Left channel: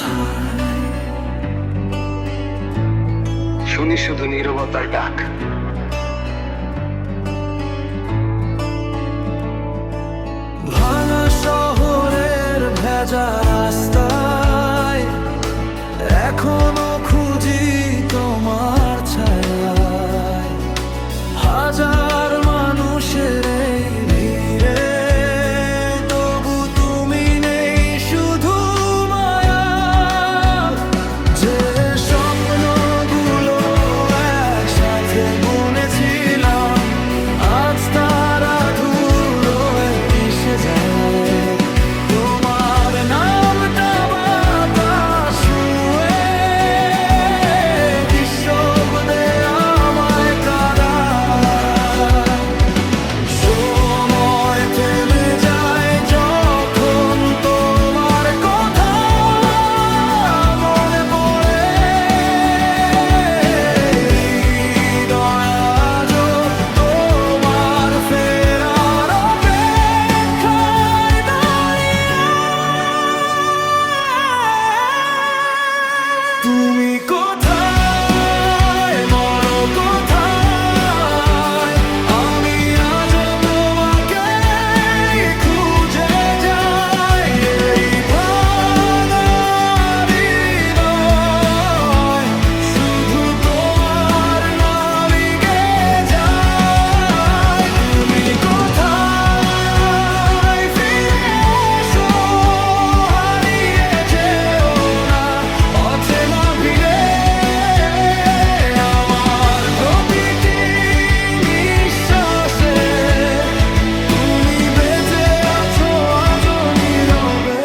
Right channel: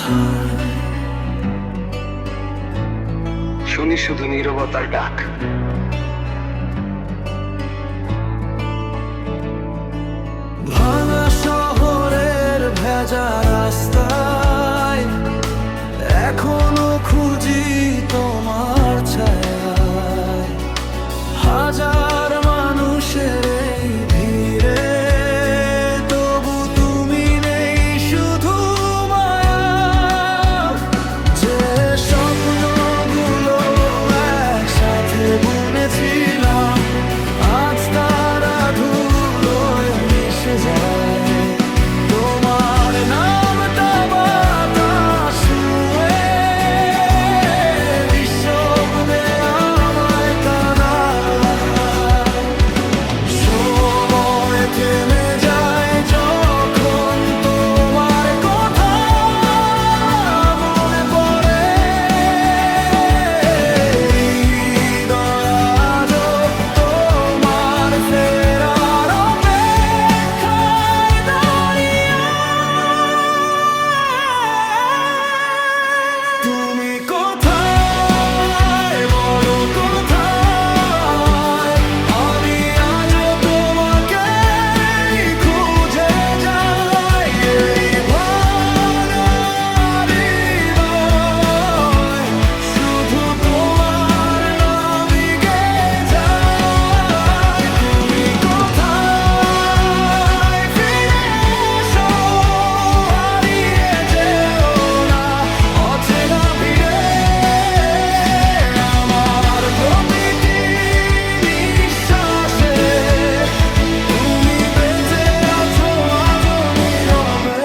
কোথায়? শুনি শুধু নীরবতার ডাক। ভাঙা শহরের ভেজা রাস্তায় এখনো খুঁজি তোমার ছায়ায়। হাজার মানুষের এই ভিড়ে তবু তুমি নেই, শুধু মায়া। যে স্বপ্নগুলো একসাথে বুনেছিলাম আজ তারা ধুলোয় মিশে যায়। তোমার নামটা বাতাস ছুঁয়ে নিঃশব্দে আমায় কাঁদায়। সময় থেমে যায় যখন তোমার কথা মনে পড়ে। হৃদয় আজও তোমার ফেরার অপেক্ষায় দাঁড়িয়ে। তুমি কোথায়, বলো কোথায়? আমি আজও তোমাকে খুঁজে যাই। এই ভাঙা হৃদয় শুধু তোমার নামই গেয়ে যায়। তুমি কোথায়? ফিরে এসো, হারিয়ে যেও না অচেনা ভিড়ে। আমার প্রতিটি নিঃশ্বাসে তুমি বেঁচে আছো আজও নীরবে।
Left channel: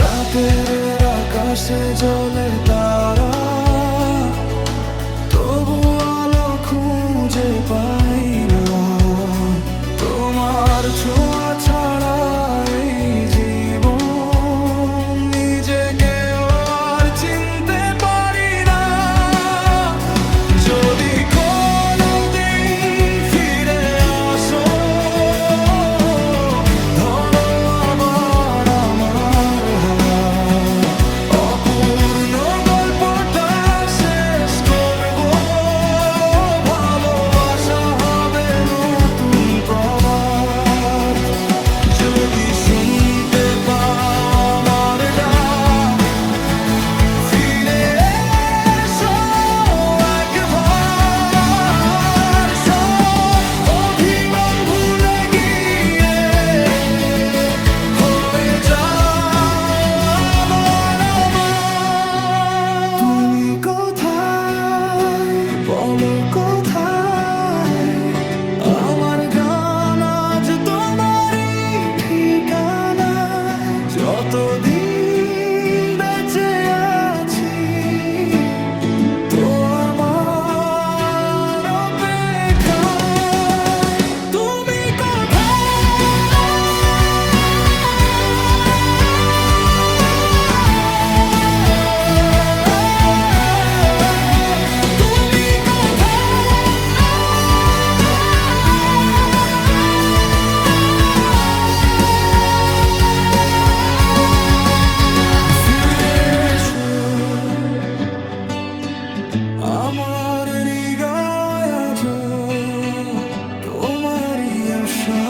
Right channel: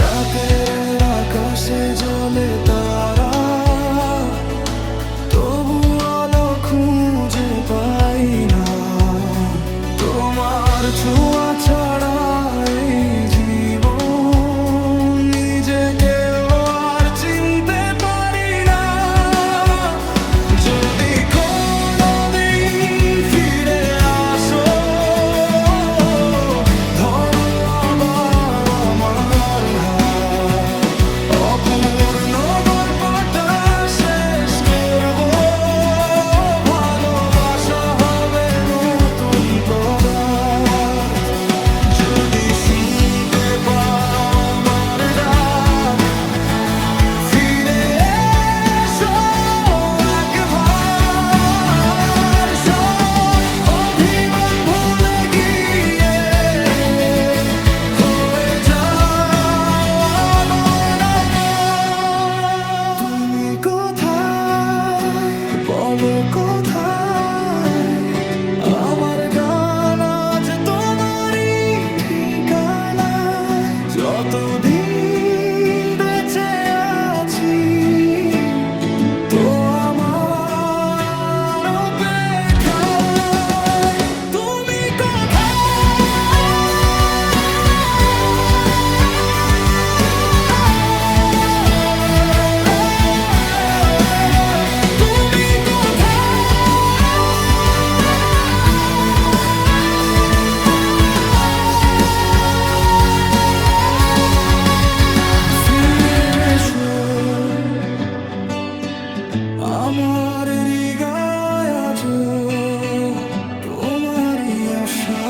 রাতের আকাশে জ্বলে তারা, তবু আলো খুঁজে পাই না। তোমার ছোঁয়া ছাড়া এই জীবন নিজেকেও আর চিনতে পারি না। যদি কোনোদিন ফিরে আসো, ধরো আবার আমার হাত। অপূর্ণ গল্পটা শেষ করব, ভালোবাসা হবে নতুন প্রভাত। যদি শুনতে পাও আমার ডাক, ফিরে এসো একবার। সব অভিমান ভুলে গিয়ে হয়ে যাও আবার আমার। তুমি কোথায়, বলো কোথায়? আমার গান আজ তোমারই ঠিকানা। যতদিন বেঁচে আছি তো আমার অপেক্ষায়। তুমি কোথায়? তুমি ফিরে এসো, আমার হৃদয় আজও তোমারই আশা।